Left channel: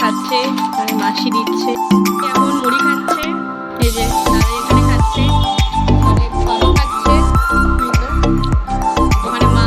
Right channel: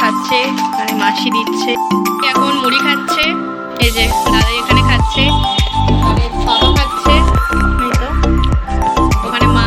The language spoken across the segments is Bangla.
খাচ্ছে আর মাসি দিচ্ছে। এখন মুড়ি খাচ্ছে, এই যে দাদা এখানে খাচ্ছে, সনু খাচ্ছে, এই তো ওখানে মা।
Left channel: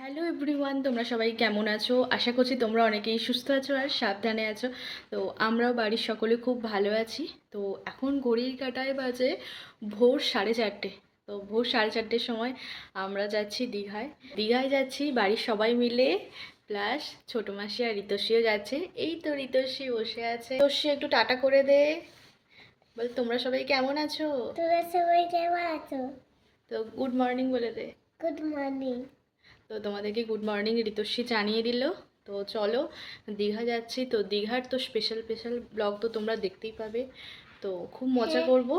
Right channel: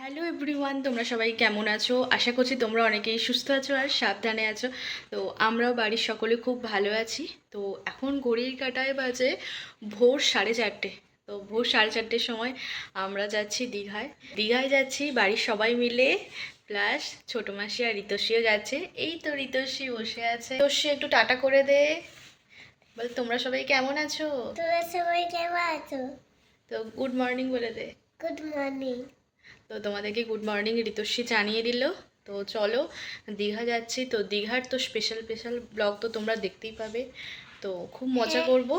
হ্যালো এভরিওয়ান, তোমরা সবাই কেমন আছো? আশা করছি তোমরা অনেকেই সুস্থ আছো আর সাবধানে আছো। তো আমরাও বাড়ির সকলে খুব ভালো আছি। তো এখন ঘড়ির কাঁটায় বাজে ভোর 4:30। তো ভোর 4:30-র সময় আমরা যাচ্ছি দীঘায়। দীঘায় যাচ্ছি বাড়ির সবাই মিলে, প্লাস ছোটো মাসি আর ঋতস্বীও যাচ্ছে। এই তো ঋতস্বী বসে আছে। ঋতস্বী একটু টাটা করে দে, বল তোমরা সবাই কেমন আছো? তোমরা সবাই কেমন আছো? তো গুড মর্নিং বলে দে। Good morning. তো তোমাদেরকে গুড মর্নিং ঋতস্বী জানিয়ে দিল। তো চলো দীঘা যাচ্ছি। তো দীঘার তো স্পেশাল স্পেশাল ব্লগ তো তোমরা দেখতেই পাবে। তো খুব মজা করব,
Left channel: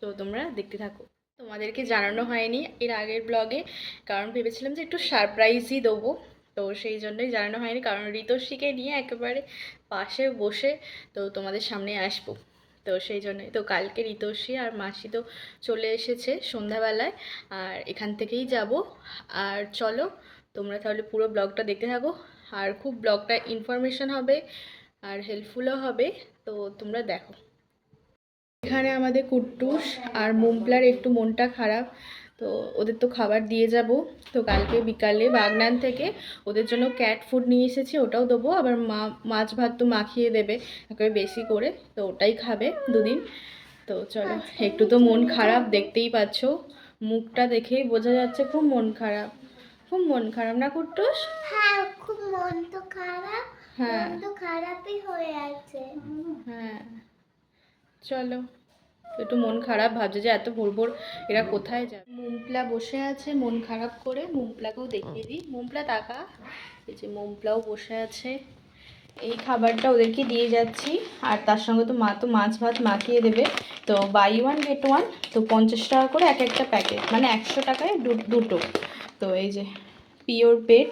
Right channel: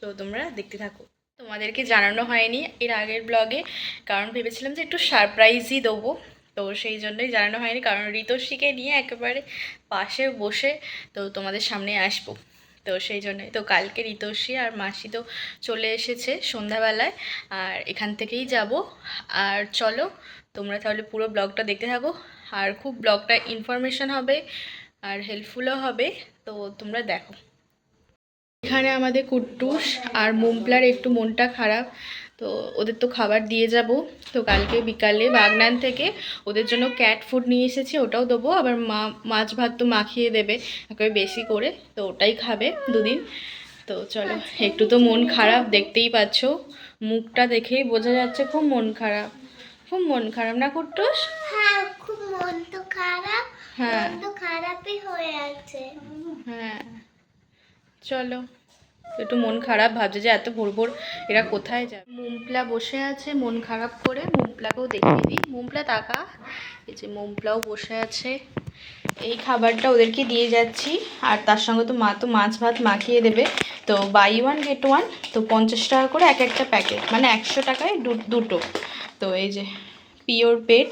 তো তোমরা দেখতে থাকো। তোমাদেরকে জানানো হয়নি এর আগের ব্লগে, কারণ ভেবেছিলাম যে একটু সারপ্রাইজই দেবো। তো সেই জন্যই জানানো হয়নি, কারণ ঋতস্বীকে নিয়ে একেবারে পাশে বসে তো তোমাদের সামনে আসবো। তো সেই জন্যই তো কালকে ঋতস্বী আর মাসি তো চলে এসেছে সন্ধ্যাবেলায়, আর এখান থেকেই যাব। আর চলো তোমরা তাহলে পুরো ব্লগটা দেখতে থাকো। আর খুব ব্লগটা ইনফরমেশন হবে আর হেল্পফুলও হবে, তো তোমরা দেখো। এখানে আমাদের কুট্টুস আর মুমপ্লার একটু মনটা খারাপ, তো ওদের তো খাবার দিয়ে যাব। তো কালকে বিকালে বাগনান থেকে ওদের জন্য ক্যাট ফুড নিয়ে এসেছি, ওটাও দেবো। আবার মাছ ভাত তো মাখিয়ে দেবে একেবারে বেশি করে, তো ওটাই খাবে দুদিন। তো চলো, একটু তো মন খারাপ দেখতেই পাচ্ছ, মুখটা দেখেই বোঝা যাচ্ছে খুব মন খারাপ। খুব মন খারাপ না কুট্টুস? হ্যাঁ, খুব মন তো খারাপ। হ্যাঁ মন তো খারাপই হয়ে আছে। হ্যাঁ, চলো। একটু মন খারাপ, ভাবছে যে এত ভোর ভোর এরা কোথায় যায়। মুমপ্লা বসে আছে মন খারাপ করে, মুমপ্লাকেও দেখিয়ে দিই। মুমপ্লা তাকা, এই যে মুমপ্লাও বসে আছে। এই খাবারটা ওদেরকে দিয়ে যাচ্ছি, আর তার সঙ্গে তো মা তো মাছ ভাত মাখিয়ে দেবে। তো বাই ওয়ান গেট ওয়ান, তো 50 টাকা করে এক একটা প্যাকেট, মানে 100 টাকায় দুটো। তো এই যে পিওর পেট,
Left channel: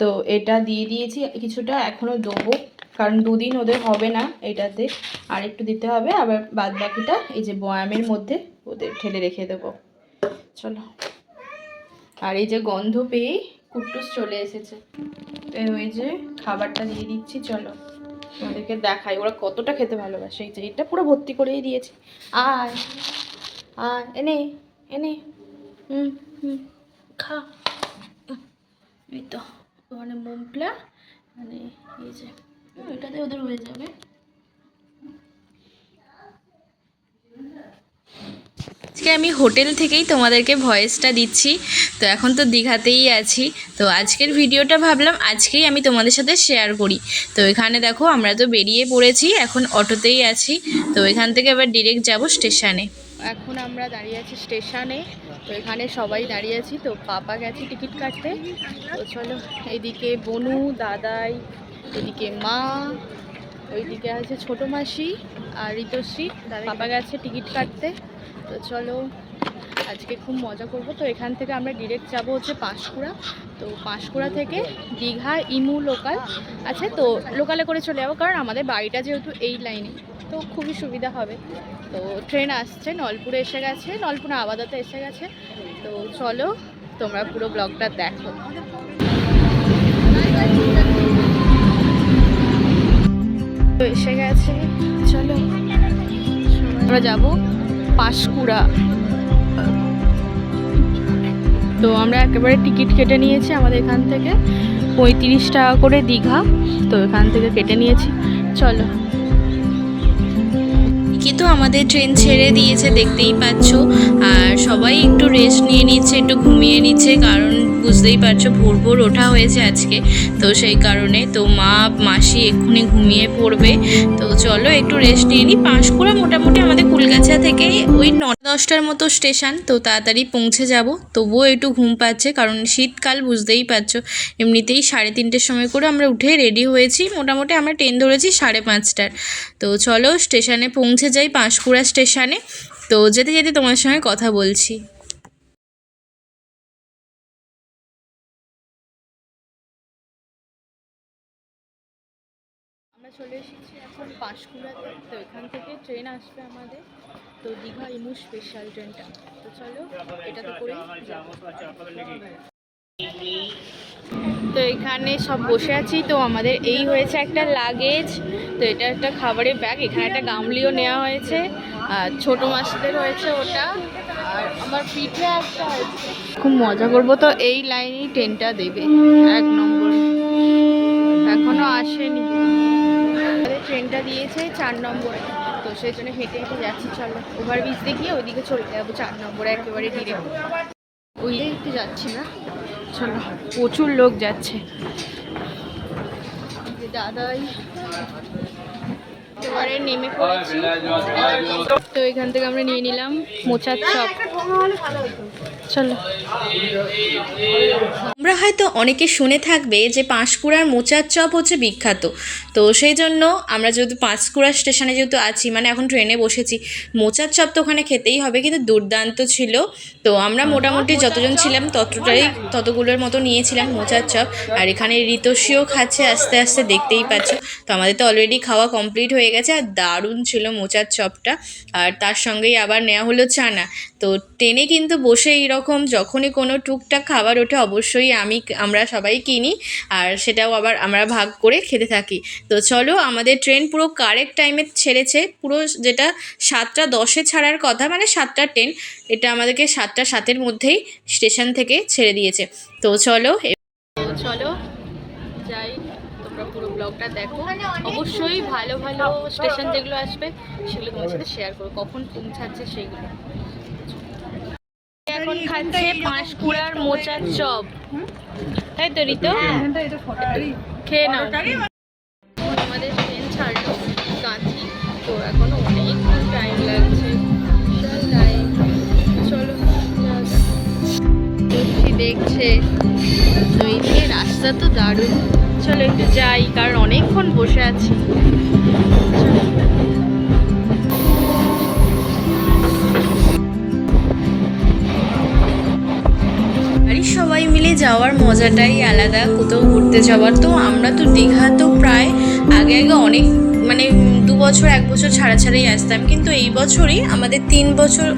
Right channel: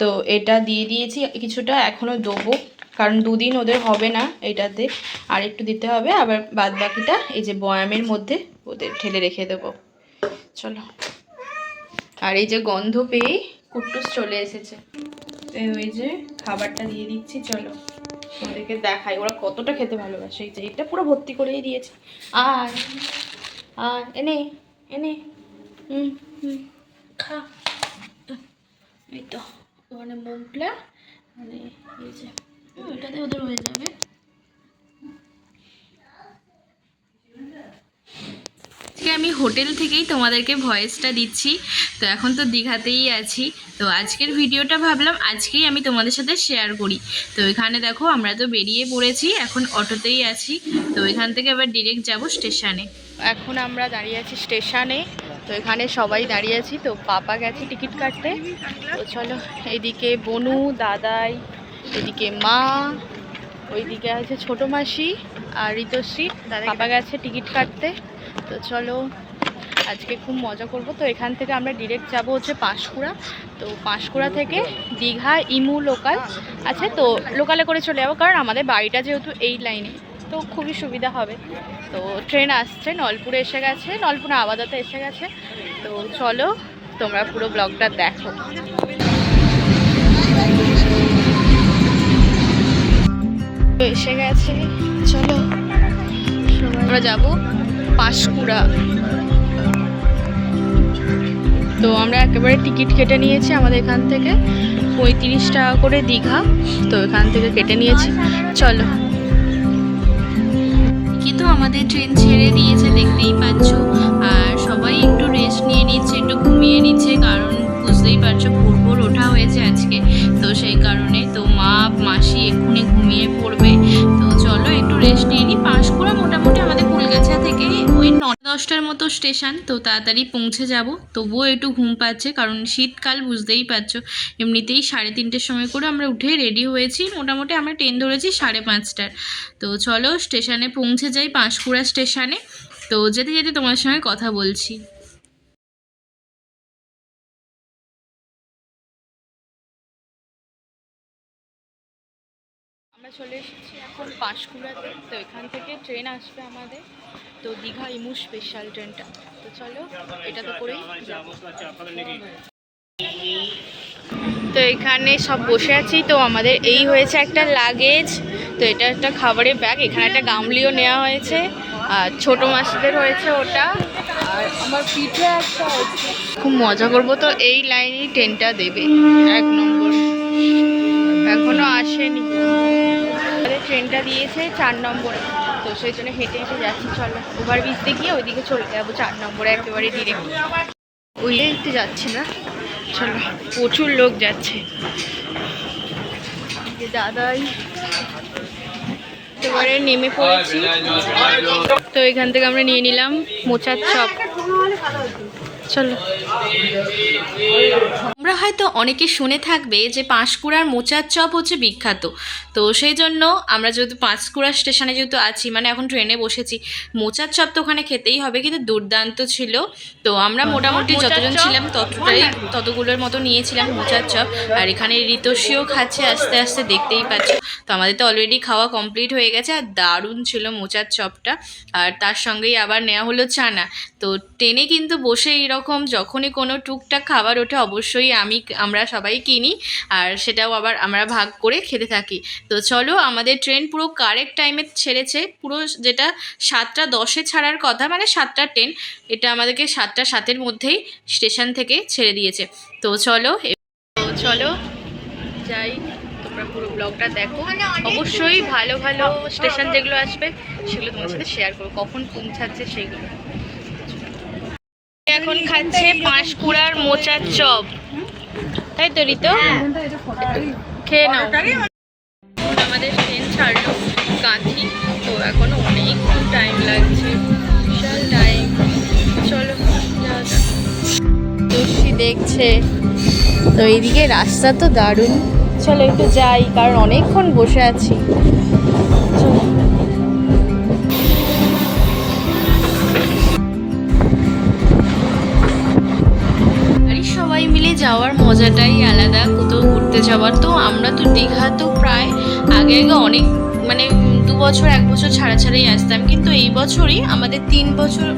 তো এটা দিয়ে দিয়েছি। কিছুটা এখনও দেবো, কারণ দুদিন ওদের হবে না এটাতে, আর একটু দিতে হবে। আবার বাদ বাকিটা এই যে বয়ামের মধ্যে ওদের ঢেলে রেখে দেবো। চলো, আর এই যে গন্ধ পেয়েই কুট্টুস চলে এসেছে। তো ওই যে খাবারটা দিয়ে দিচ্ছি, চলো তোমাদেরকে দেখাই ওরা কতটা খেতে ভালোবাসে। এই যে এটা পুরো ভর্তি করেই দিয়েছি। আর আর এনে এনে হুম হুম খা। এই তো মানে মুমপ্লা, মানে এই যে ওইটাতে ওদের হয়ে যাবে। আজকে আমি হোটেল থেকেই তোমাদেরকে ভয়েসটা দিচ্ছি। তো এখন তো দীঘাতেই আছি, তো আজকের ভিডিওটা ভাবলাম আজকেই আমি তোমাদের সাথে শেয়ার করি। তো এখানে দেখো আমরা তো বেরিয়ে পড়েছি, এখন অটোতেই আছি। তো এখান থেকে আবার ডিরেক্ট যাব স্টেশনে। এখন আমরা দাঁড়িয়ে আছি স্টেশনে, তো এখানে সবাই দাঁড়িয়ে আছি। তো পাপা গেছে টিকিট কাটতে। তো চলো, এদিকে বনু দাদাই, এদিকে মা, ওইদিকে আছে ছোটো মাসি আর ঋতস্বী। পাপা গেছে টিকিট কাটতে। তো চলো আজকে খুব মজা করব। তো এখান থেকে আমরা ডিরেক্ট যাব হচ্ছে পাঁশকুড়া। তো পাঁশকুড়া থেকে দীঘা ইমু লোকাল আছে, তো লোকালে করে চলে যাবো, কারণ আমাদের বাড়িটা যেহেতু এই লাইনে, তো খুবই সুবিধা হবে। তো ট্রেন আসছে, নলপুরে এসে গেছে, নলপুরে আবাদাতে এসে গেছে। তো চলো তোমরা পুরো ব্লগটা দেখো। এসে গেছে, চলো আমরা যাব পাঁশকুড়া। তো আমরা একেবারে টিকিট কেটে নিয়েছি, আমাদের এখান থেকে 35 টাকা করে দীঘা। তো এখান থেকে কেটে নিয়েছি, চলো। কিন্তু আমাদের ট্রেন ছেড়ে দিয়েছে দেখতেই পাচ্ছ, আর সবাই একটু রেস্ট নিয়ে নিচ্ছে, একটু ঘুমিয়ে নিচ্ছে, কারণ বুঝতেই পারছো ভোর ভোর ওঠা হয়েছে আজকে। তো সেই কারণে তো মা মাসি এক্ষুনি ঘুমিয়ে পড়বে। তো চলো একটু রেস্ট নিয়ে নিই। পাঁশকুড়া মোটামুটি আমাদের কুলগাছা থেকে ওই 9-10টার মতো স্টেশন, তো তাড়াতাড়ি পৌঁছে যাব। তবুও একটু ঘুম পাচ্ছে, কারণ শীতকাল বুঝতেই পারছো। এমনিতেই 3:30-র সময় করে আমরা উঠে রেডি হয়েছি, মোটামুটি আমরা ট্রেন ধরেছি 5:30টার। তো চলো স্টেশনে পৌঁছে যাই, পাঁশকুড়া স্টেশনে। তো যেতে যেতে তোমার সঙ্গে কথা বলছি। আমরা চলে এসেছি এখন পাঁশকুড়াতে। তো এখান থেকে ট্রেন আসবে আমাদের, তো দীঘা ইমু স্পেশাল ট্রেনটা। তো চলো এটাতে করেই যাবো। এখানে সব বসে আছি। তো আমাদের এই হয়েছে একটা লাগেজ, তো এটা একটা খাবারের ব্যাগ, এখানে একটা গামলিও নেওয়া হয়েছে, আর ছোটো মাছদের হয়েছে ওটা। খুব মজা করব। তো এই লাইনেই ট্রেনটা দেবে 1 নম্বর, এখনো আসেনি। ট্রেনটা দিয়েছে 4 নম্বরে, তো সেই জন্য হেঁটে হেঁটে যাচ্ছি। চলো ওভারব্রিজে গিয়ে ওইদিকে চলে যাবো 4 নম্বরে একেবারে ডিরেক্ট। ওই একটু যাচ্ছি না, চলো প্রচুর লোক যাচ্ছে। দাদাই একেবারে নেমে পড়েছি। তো এখান থেকে আমরা নিয়ে নিলাম মোচার চপ। চলো। তোমরা হয়তো অনেকে শুনে থাকবে যে পাঁশকুড়ার মোচার চপ হচ্ছে বিখ্যাত, তো সেই জন্য আমরা যেহেতু পাঁশকুড়া স্টেশনে যেহেতু আছি, মানে এখন ট্রেনে বসেছি, মোচার চপ তো ওখানে খেতেই হবে, কিন্তু দুর্দান্ত ছিল। তো আমরা মোটামুটি যতজন ছিলাম ততগুলোর মতো নিয়েছিলাম মোচার চপ। আর এখানে ঋতস্বীও খাচ্ছে আস্তে আস্তে, দেখতেই পাচ্ছ। তো আমাদের তো অলরেডি খাওয়া কমপ্লিট হয়ে গেছে, আর দারুণ ছিল মোচার চপটা। আর তার সঙ্গেই আবার নেওয়া হলো চানা। তো ট্রেনে কিন্তু বসে এইরকম যখনই কোনো টুকটাক খাবার ওঠে অবশ্যই আমরা সবাই কিনি, আর সেটাও আবার আমরা ভাগ করে খেতে থাকি। তো চলো, আমাদের ট্রেন পুরো কারেক্ট টাইমে ছেড়েছে, পুরো যেটা 7:10 ছাড়ার কথা, মানে 7টার ট্রেন, এটা আমাদেরকে 7:07 মধ্যেই স্টেশন থেকে ছেড়ে দিয়েছে। তো চলো যাই, তোমরা পুরো ব্লগটা দেখো। অবশ্যই ভালো ভালো স্টেশন যেগুলো আসবে সেগুলো তোমার সাথে শেয়ার করো, কখন পৌঁছাচ্ছে সেগুলো। এখন খাচ্ছে পাঁশকুড়ার মোচার চপ, তাই তো ঋতু? খেয়ে নাও। আমাদের ট্রেন ছাড়লো কাঁথি, তো এখনো অনেকক্ষণ টাইম লাগছে, বিশাল টাইম। চলো যাওয়া যাক। দর্শি দেখছে, তো এইদিকে রাস্তা তো দারুণ। চলো একটু যাই, কারণ অনেকক্ষণ বসে আছি। চলো। সবাই মিলে যাওয়ার মজাটাই আলাদা, কোথাও ঘুরতে যাওয়ার। তো আমরা তো দীঘা তো প্রায় আগে অনেক, মানে 2 বছর 1 বছর ছাড়াই আসতাম, কিন্তু এই বছরই আমাদের 3 বছর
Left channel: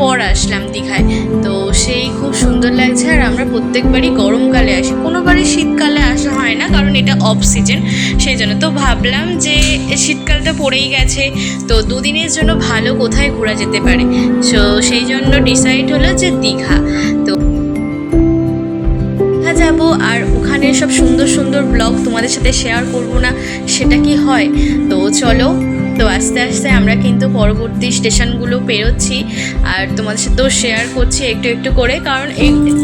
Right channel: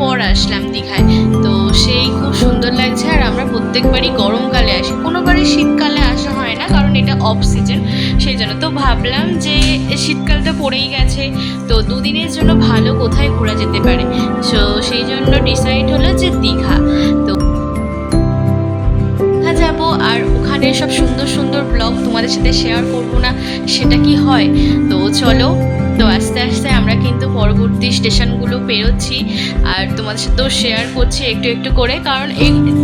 পর আসলাম দীঘায়। তো সেই খুব সুন্দর লাগছে। আর আমরা প্রত্যেকবারই গরমকালে আসি, কোনোবারই শীতকালে আসা হয় না, কারণ এটা অফ সিজন, সেই জন্য। তো ভাবলাম যে শীতকালটা পড়েই গেছে, তো 2 দিনের জন্য ভালো কোথায় ঘোরা যেতে পারে, সো সেই জন্য ডিসাইড হলো যে দীঘা। তো যাব, আর ওখানে সব সুন্দর সুন্দর ব্লগ তোমাদের সাথে শেয়ার করব না, সেটা কি হয়? তো চলো, তো আস্তে আস্তে আমরা কিন্তু পরবর্তী স্টেশনগুলো পেরোচ্ছি, আর তোমাদের সাথেও শেয়ার করছি একটু একটু করে, কারণ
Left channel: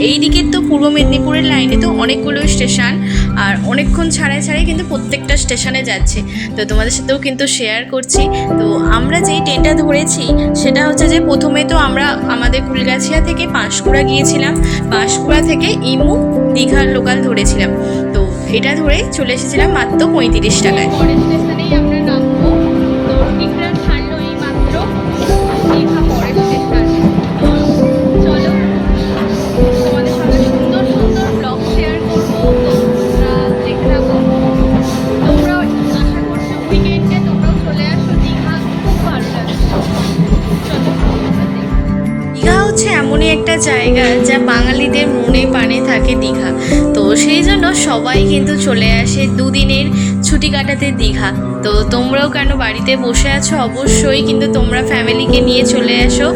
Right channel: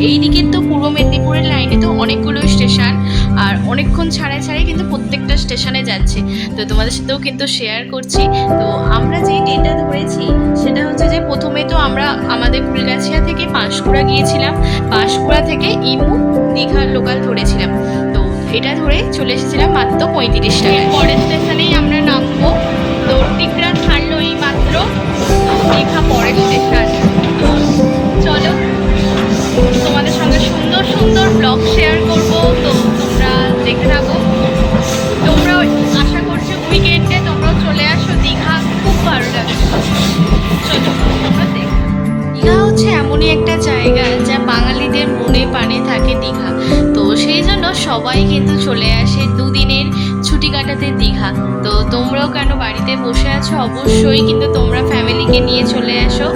এই দিকের তো পূর্ব মেদিনীপুরের লাইনে তো অনেকগুলো স্টেশন, আর অনেকক্ষণ ছাড়াই কিন্তু প্রত্যেকটা স্টেশনে যাচ্ছে, তো তোমাদের সাথেও কিন্তু শেয়ার করছি। তো আমরা যেই ট্রেনটা ধরেছি সেটা হচ্ছে যে প্রথমে তো আমরা আমাদের ফুলগাছিয়া থেকে পাঁশকুড়া গিয়েছিলাম, পাঁশকুড়া থেকে ইমু দীঘার লোকাল ধরেছিলাম, তো এটা ধরে চলে এসেছিলাম মাত্র 35 টাকায়। পরের স্টেশনেই আমরা নামবো, তো টিকরা ছাড়লো এই মাত্র, দীঘা পরের স্টেশন। চলো তোমাদের সঙ্গে সুন্দর সুন্দর ব্লগ শেয়ার করব, তো তোমরা দেখতে থাকো। তোমরা আশা করছি উইকেন্ডে তোমরাও চলে আসো দীঘা, খুব ভালো লাগবে। চলো তোমরা দেখো। দীঘা হচ্ছে এমনই একটা জায়গা যা বাঙালিদের মনে প্রাণে থাকে দীঘা, তো সেই জন্য সবাই কিন্তু চলে আসে 2 দিনের ছুটি কাটাতে দীঘা। তো তোমরাও কেন বাড়িতে বসে আছো, অবশ্যই কিন্তু তোমরা ফ্যামিলিকে নিয়ে চলে আসো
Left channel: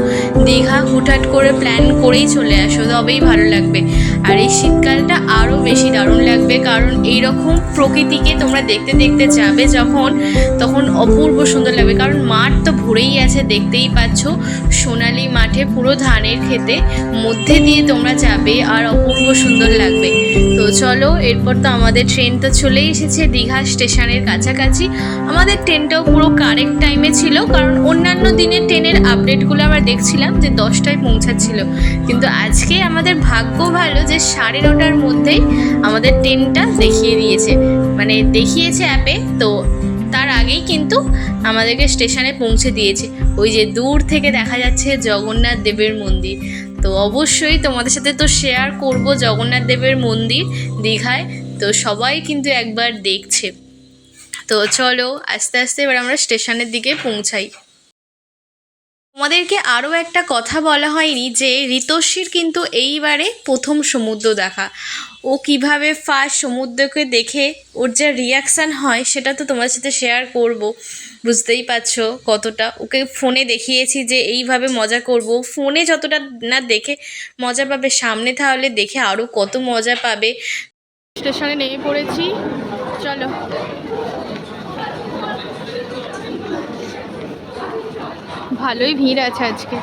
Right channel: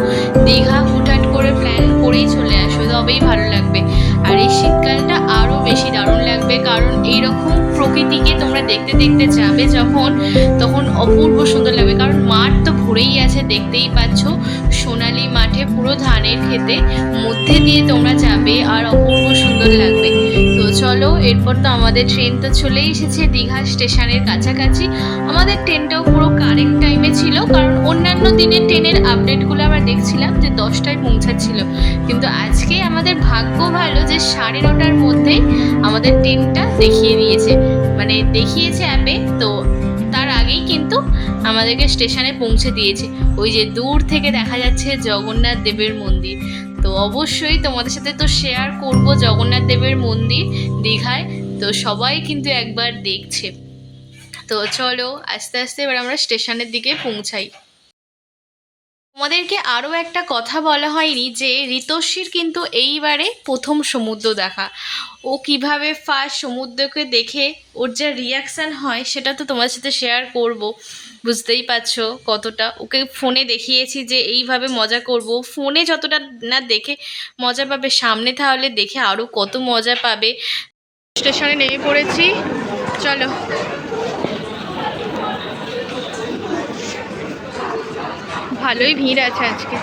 দীঘা, হুটহাট করে প্ল্যান করেই চলে আসো, তবেই ভালো লাগবে। আর এই শীতকালটা আরও বেশি দারুণ লাগবে, কারণ এইরকম প্রকৃতিকে তোমরা দেখতে দেখতে যাবে যখন, তখন অপূর্ব সুন্দর লাগবে। কারণ মাঠ তো ভরেই আছে, দেখতেই পাচ্ছ, সোনালি মাঠে পুরো ধানের খেতে মধ্যে দিয়ে তোমরা যাবে, আর অপূর্ব সুন্দর লাগবে। তো চলো, এরপর তো আমাদের ট্রেন তো চলেই এসেছে দীঘা স্টেশনের কাছাকাছি। আমাদের ট্রেনটাও পুরো কারেক্ট টাইমে ছিল, কারণ অন্যান্য দিনের ট্রেনের আপডেটগুলো আমরা দেখছিলাম যে 10টায় পৌঁছাচ্ছিল, কিন্তু আজকে আমাদের ভাগ্য ভালো যে 9:30টার মধ্যেই আমাদের ট্রেনটা দেখিয়ে দিয়েছে, মানে দেখিয়েছে অ্যাপে। তো তার আগেই কিন্তু আমাদেরকে স্টেশনে পৌঁছে দিয়েছে। ওই যে দূর থেকে দেখা যাচ্ছে জগন্নাথ দেবের মন্দির, তো অবশ্যই তোমাদের সাথে তো শেয়ার করব জগন্নাথ দেবের মন্দির দীঘায়, তো সবাই কিন্তু একবার দেখছে। তো চলো আস্তে আস্তে এবার আমরা স্টেশনের দিকে পৌঁছাই। তোমাদেরকে আরও একটা কথা বলা হয়নি যে ঋতস্বীর কিন্তু এইবারে প্রথম সমুদ্র দেখা। ও কিভাবে ফার্স্ট সমুদ্রকে দেখে ওর যে রিয়াকশান হয় সেটা তো তোমার সাথে শেয়ার করব। বুঝতেই পারছো কতটা ওকে ফোনে দেখিয়েছি যে এইভাবে মজা করব, ফোনে যতটা না দেখে মজা পাবে সামনে তাহলে দেখে আরও কত মজা পাবে। স্টেশনে নেমে পড়েছি, চলো। ভালোই ভিড় আছে আজকে।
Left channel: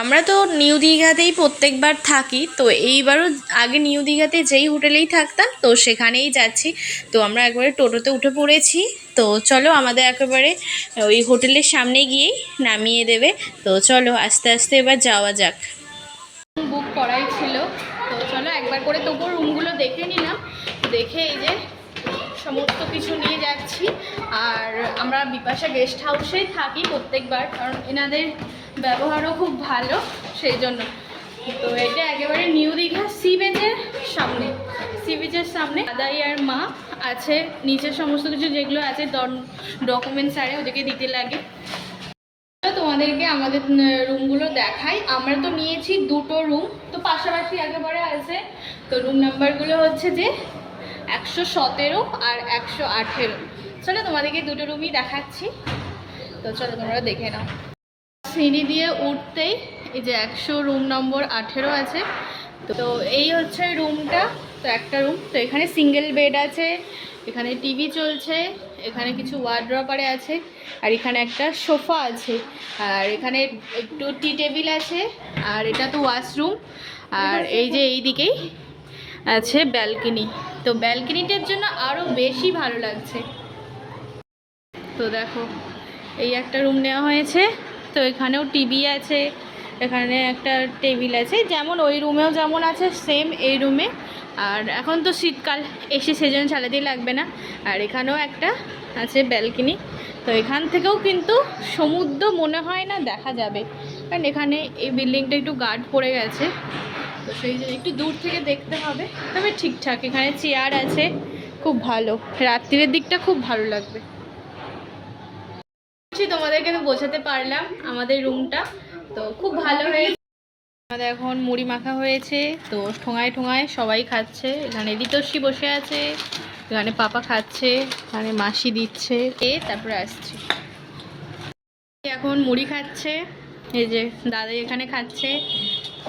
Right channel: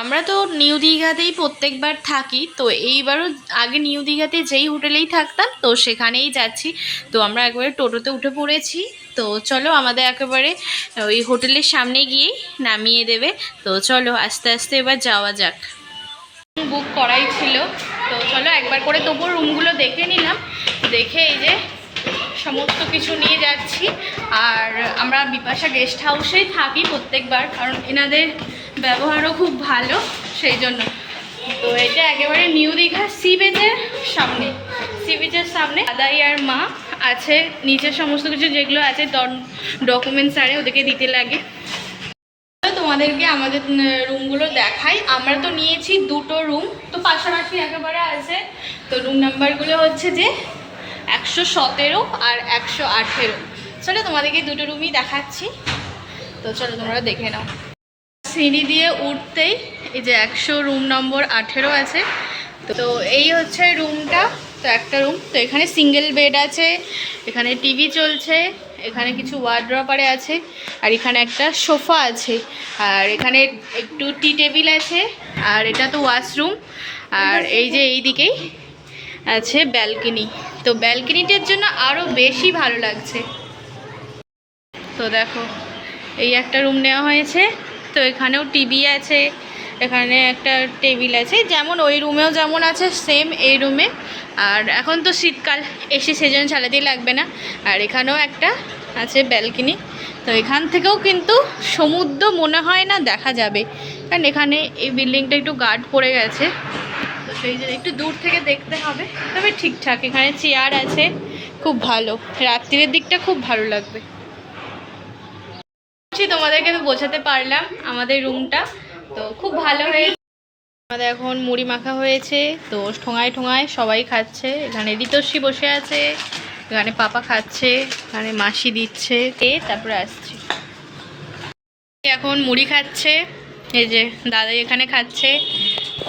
আমরা তো নিউ দীঘাতেই প্রত্যেকবার থাকি, তো এইবারও আগে নিউ দীঘাতে যেই হোটেলেই থাকতাম তো সেখানেই যাচ্ছি। তো আমরা একবারে টোটোতে উঠে পড়েছি। তো চলো আমাদের একেবারে ওই হোটেলের সামনে গিয়েই নামিয়ে দেবে। তো চলো আস্তে আস্তে এবার যাওয়া যাক। বুক করাই ছিল, তো চলো একবার করে তবুও রুমগুলো দেখে নিলাম। দেখে এই যে সমস্ত কিছু নিয়ে যাচ্ছি। আর আমরা বিপাশা গেস্ট হাউসেই থাকি প্রত্যেকবার, কারণ এনাদের ব্যবহারও খুব ভালো, সেই জন্য। তো এটা একেবারে নিউ দীঘা সি বিচের সামনে, সি বিচের সামনে দাদাই আর মা আছে। নিচের সমস্ত কিছু যেগুলো আছে ডকুমেন্টস আরে ওদেরকে দিতে লাগে। তোমাদেরকে আমাদের রুমগুলো দেখাই। আমরা তো নিয়েছি দুটো রুম, তো পাশাপাশি একেবারে আছে। তো রুম নাম্বারগুলো হচ্ছে যে 117 আর 118। চলো তোমাদেরকে দুটো রুমই দেখাচ্ছি, তো চলো তোমরা দেখে নাও। সিঁড়ি দিয়ে উঠতেই এই যে 100 রুম নম্বর 18 আছে। তো এই হচ্ছে রুমটা। তো একটা রুম, তো এখানে সিঙ্গেল বেড আছে, এখানে টিভি চলছে, এখানে কিছু ওয়ার্ড্রপারে আছে, আর এখানে একটা সোফা আছে, আর এখানে একটু টি টেবিল আছে, আর এটা তো ওয়াশরুম। আর এই যে এই দিকেই আছে ব্যালকনি। তো ব্যালকনিটার জন্য আরও বেশি ভালো লাগছে। তো দেখো এই একটা রুম নেওয়া হয়েছে, তো এখানেও টিভি আছে, এখানে একটা টেবিল আছে, যেমন ওই রুমেও যেমন আছে সেম এই রুমে। আর এখন তো শীতকাল, এসি সেজন্য চালাতেই লাগবে না। আর এখানেও একটা আছে ব্যালকনি। তো এখান থেকেও কিন্তু সমুদ্র মনে হয় না দেখা যাবে, কারণ এখানে এই বিল্ডিংটা একটু গার্ড পড়ে গেছে, তো সেই জন্য একটু দূর থেকে দেখতে হবে। তবে ঠিকঠাক, এখানে চেয়ার আছে, খুব ভালো। রাত্রির দিকটা খুব ভালো লাগবে। তোমাদেরকে তো বোঝাতে পারলাম আমাদের রুমটা, তো খুব ভালো হয়েছে। আমাদের এখন মুড়ি মাখা হয়েছে, তো ঠোঙায় ঠোঙায় সবাই খাচ্ছে। এখানে ঋতস্বী বসে আছে, এখানে পাপা খাচ্ছে, এখানে মাসি দিচ্ছে, তারপরে আসছি। এখন মুড়ি খাচ্ছে, এই যে দাদাই এখানে খাচ্ছে,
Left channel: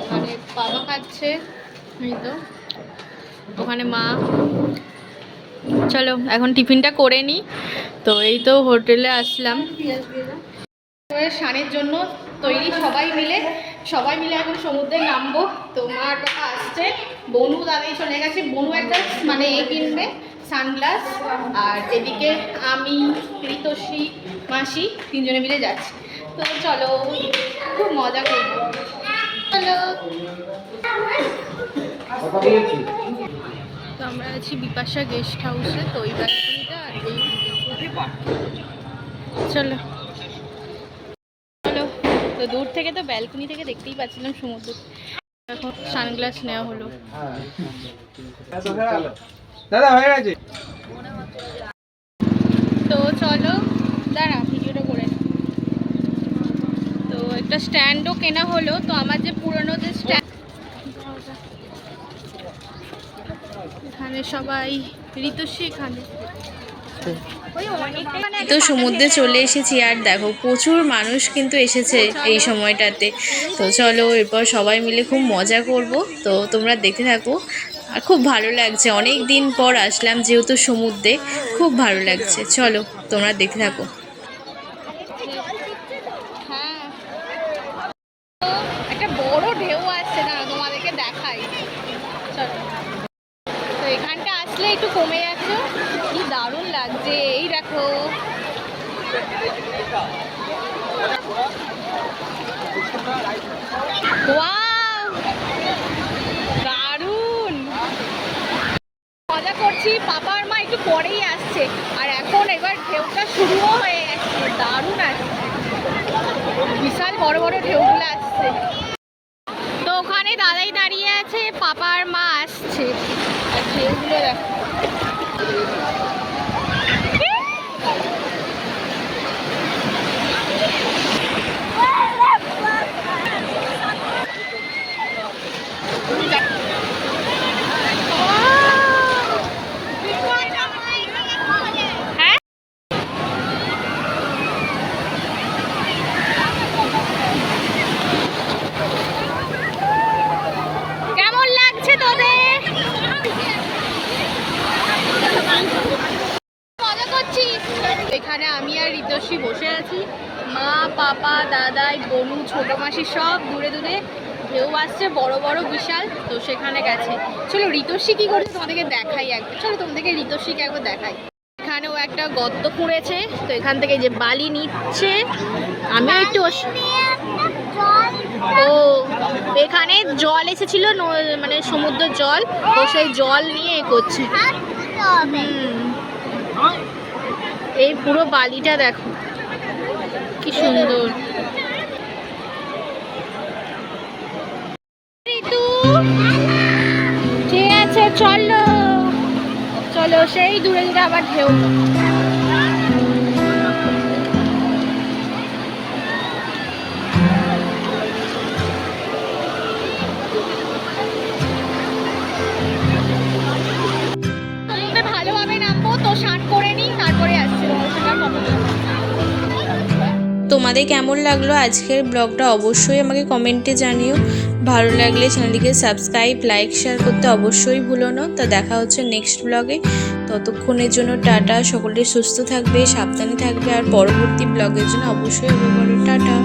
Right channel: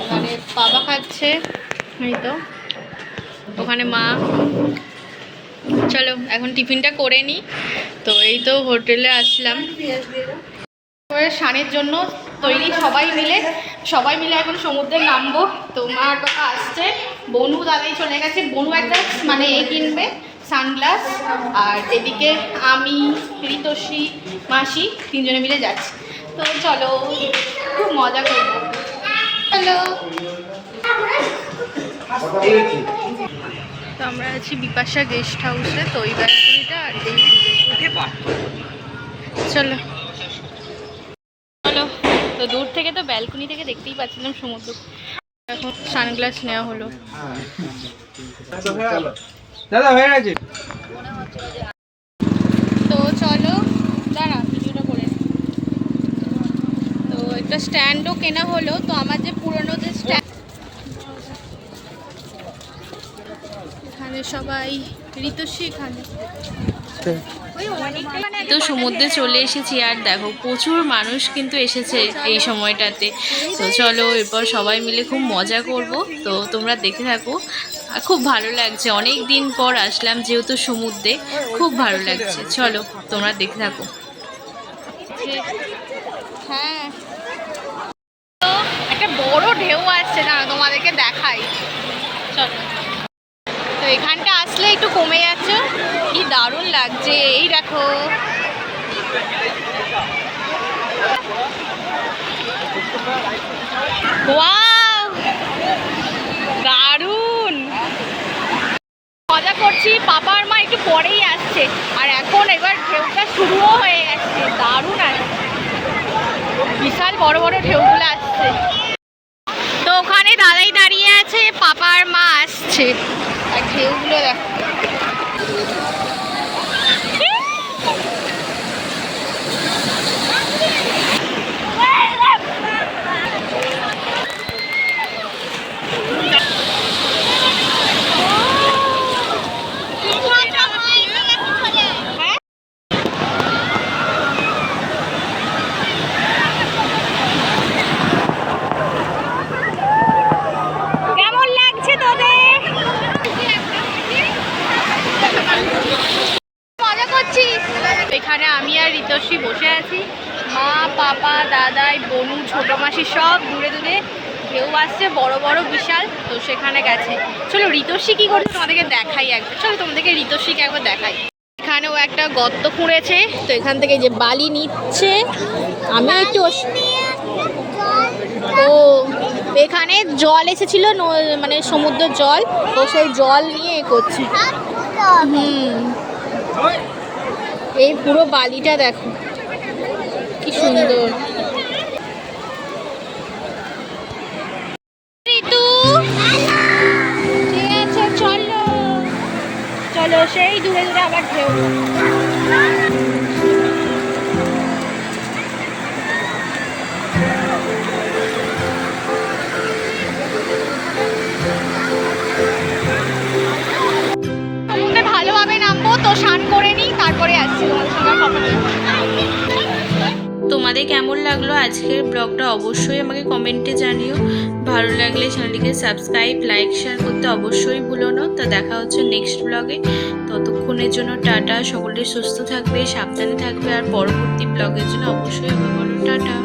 এখানে পাপা খাচ্ছে, এই তো ওখানে মা। চলো এখন টিফিনটা করে নিই। তো এই তো হোটেলে আসলাম, স্নানের জন্য তৈরি সবাই মিলে এখন সমুদ্রে নামবো। তো মা আর বাবা আসছে, বনু দাদাই চলে গেছে। বনু একটা মানে কিনবে সানগ্লাস, আর এদিকে আমি, ঋতস্বী, মাসি তিনজনে মিলে যাচ্ছি। তো চলো খুব মজা করবো, চলো। তো আমরা আছি বিপাশা গেস্ট হাউসে। তো এই ব্যালকনিটা আর এই চলো চলো। তো দূর থেকে তো ব্যালকনি থেকে দেখতেই পাচ্ছিলাম সমুদ্র। এখন সানগ্লাস নেওয়া হলো। তো চলো দাঁড়া ভিডিওটা করে। তো একটা স্ট্যান্ডও কেনা হলো। তো আমার যে পুরনো যে স্ট্যান্ড, এখানে সবাই ঋতস্বী এখানে। তো সমুদ্রে চলে এসেছি, আর দেখো প্রচুর মানুষ কিন্তু এসেছে এই সময়টাতে। তো চলো এরপর সবাই মিলে খুব মজা করব, তো তোমরা দেখতে থাকো। আর খুব ভালো লাগছে, অনেক দিন পর আসলাম যেহেতু সমুদ্রে, খুব ভালো লাগছে। চলো তোমরা দেখতে থাকো। হ্যাঁ তো একটা বড় ঢেউ আসছে না, তোমাদেরকে দেখাই, চলো। তো এখানটা আসলে একটু কমে যাচ্ছে, কি দারুণ লাগছে। এই দেখো ওয়াও, দারুণ মজা করছি। পাপার মা একটু পরেই আসছে, আর এখন এবার ঢেউটা শুরুও হয়ে গেছে, দারুণ আসছে, বিশাল বড় বড় ঢেউগুলো আসছে। তো ওখানে দাদাই দাঁড়িয়ে আছে, পাপার মা আসছে। লাগছে। আর ঢেউগুলো দেখো। কেমন লাগছে তোদের? মজা করছিস? এখানে আমি আর ঋতশ্রী বসে আছি, মা পাপা দাদাই বনু ছোট মাসি সব দূরে দূরে। ঢেউ আসছে বড় বড় বিশাল, তো সেখানে গেছে। চলো ঋতশ্রী কি করছে তোমাদেরকে দেখাই একবার। চলো তোমাদেরকে ঋতশ্রীকে একবার দেখাই। এখানেও একটা গর্ত খুঁড়েছে, তো এখান থেকে যে বালি নিচ্ছে। আমি একটু ও এখানে জল এসেছিল, মানে সমুদ্রের জল, ও সেই জল নিয়ে এ করছে। এই পুরো বালিটা দেখো কি সুন্দর। ঋতু ঠিক আছে, চলো চলো, সেই দূরে দূরে আবার ঢেউ। ভালোভাবে নামবো, তো স্নান করে নিই, তারপরে আসছি তোমার সঙ্গে কথা বলবো। তোমাদের কেমন লাগলো আজকের ব্লগটা অবশ্যই আমাকে কমেন্টে জানিও। ভালো লাগলে চ্যানেলটিকে সাবস্ক্রাইব লাইক শেয়ার করতে অবশ্যই ভুলো না। তা দেখা হচ্ছে নেক্সট ব্লগে। ততক্ষণের জন্য টাটা। সকলে সুস্থ থাকবে, সাবধানে থাকবে, আর পরবর্তী ব্লগের জন্য অবশ্যই বলো টাটা।